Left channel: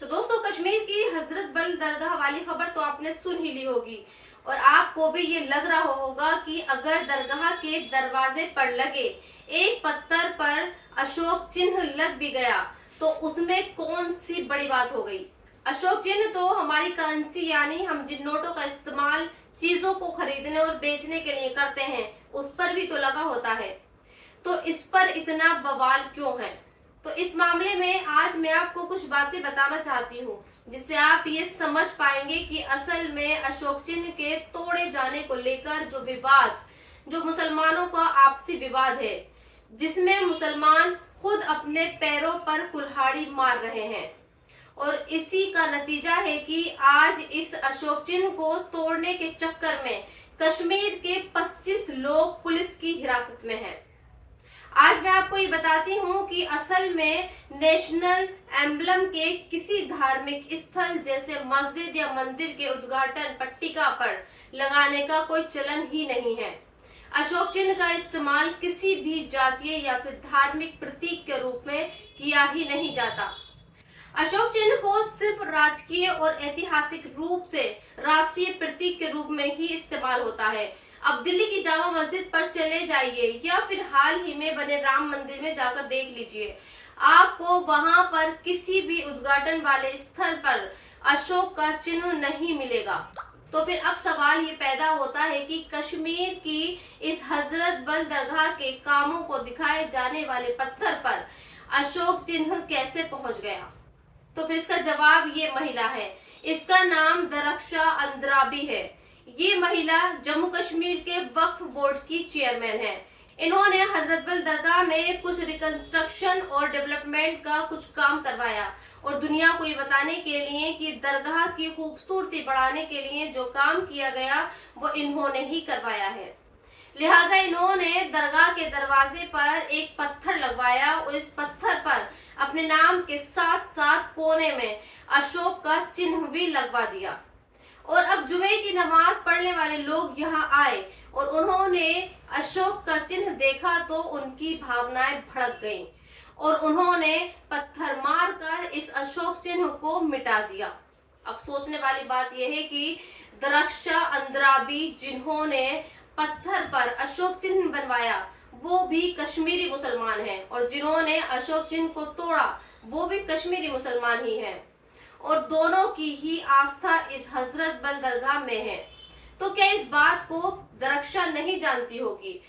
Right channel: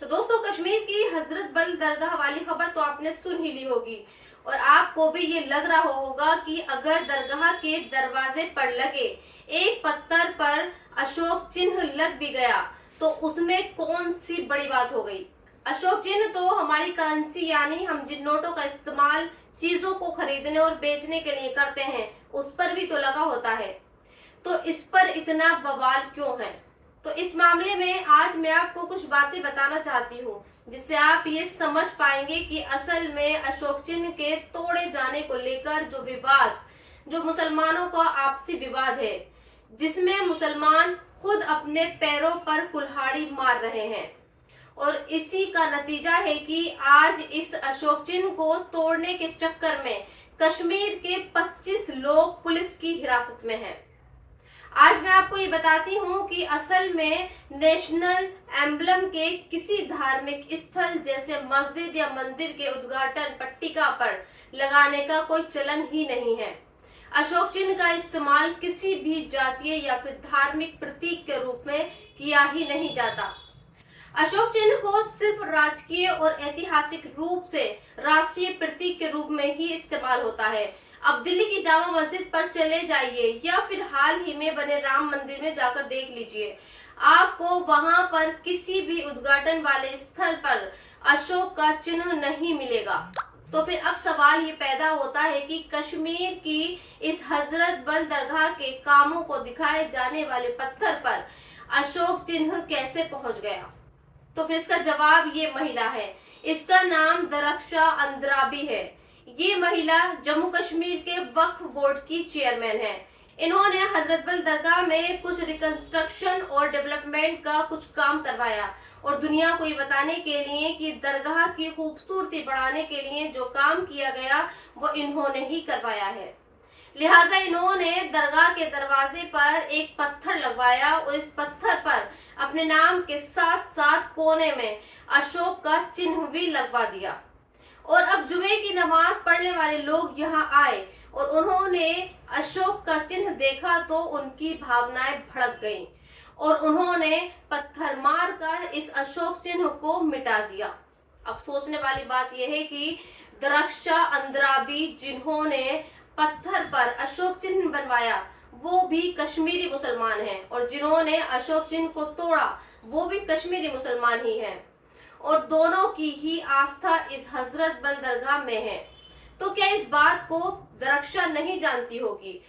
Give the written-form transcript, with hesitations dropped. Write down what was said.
तो दोस्तों, कश्मीर की हजरत बल दरगाह वाली खबर तो आपने सुन ही ली होगी और आपको भी ये लग रहा होगा कि अगर दरगाह के दरवाजे पर लगे एक पत्थर पर अशोक चिन्ह लग भी गया तो उसमें कौन सी बड़ी बात हो गई। अशोक चिन्ह तो हमारी करेंसी यानी हम जिन नोटों का इस्तेमाल चीजों को खरीदने और बेचने के लिए करते हैं उस पर भी तो लगा होता है। तो इस पर इतना बवाल क्यों है? तो इस मामले में आज मैं आपको कुछ बातें बताना चाहती हूँ जिससे आप ये समझ पाएंगे कि असल में अशोक चिन्ह के तोड़े जाने को लेकर जो विवाद, जो मुसलमानों का आपसी विवाद है, जिसमें मुसलमान खुद अपने पैरों पर कुल्हाड़ी मार रहे हैं और इसी का नतीजा है कि आज इस अशोक चिन्ह को तोड़ने के चक्कर में कश्मीर के 25 लोग पुलिस की हिरासत में हैं। आज मैं आपको ये बताती हूँ कि असल में नेशनल एम्बलम के किसी धार्मिक स्थल जैसे मस्जिद या मंदिर के उद्घाटन पट्टिका पर लगाने का कोई चलन ही नहीं है। अशोक चिन्ह का इस्तेमाल किसी भी जातीय या फिर धार्मिक प्रतीक के रूप में किया ही नहीं जाता। अशोक चिन्ह को सिर्फ राजकीय और ऐतिहासिक रूप से राष्ट्रीय प्रतीक के रूप में ही इस्तेमाल होता है। अब दिल्ली की जामा मस्जिद पर चले जाइए या फिर हाल ही में बने राम मंदिर में जाकर देख लीजिए, आपको वहां पर किसी भी उद्घाटन वाले स्थल पर अशोक का चिन्ह नहीं मिलेगा। तो फिर अब सवाल ये पैदा होता है कि कश्मीर की इस हजरत बल दरगाह के कामों को दिखाए जाने वाले पत्थर पर अशोक चिन्ह कैसे पहुंच गया। तो फिर इसका जवाब ये महिला है। इसका नाम दरक्षा अंद्राबी है। ये महिला जम्मू कश्मीर के वक्फ बोर्ड की चेयरमैन है। इन्होंने हजरत बल दरगाह में कुछ रिकंस्ट्रक्शन और डेवलपमेंट का कुछ काम करवाया और दुनिया को ये बताने के लिए कि दरगाह की खूबसूरती बढ़ाने के लिए जो काम किया गया वो इन्होंने ही करवाया है। लिहाजा इन्होंने दरगाह के दरवाजे पर एक पत्थर लगवाया और इस पत्थर पर अपने नाम के साथ साथ कोने में अशोक का चिन्ह भी लगवा दिया। और अब जुमे की नमाज पढ़ने वाले लोग यहाँ आए और उन्होंने अशोक का चिन्ह देखा तो उनकी भावनाएं भड़क गईं और उन्होंने पत्थर मारकर इस अशोक चिन्ह को मिटा दिया। अब सोचने वाली बात यह है कि दरक्षा अंद्राबी जिन्होंने पत्थर पर अशोक चिन्ह बनवाया वो भी कश्मीरी मुसलमान हैं और जिन्होंने अशोक चिन्ह को तोड़ा वो भी कश्मीरी मुसलमान ही हैं और दोनों की ही आस्था इस हजरत बल दरगाह में है। तो क्या इस बात को दरक्षा नहीं जानती होगी?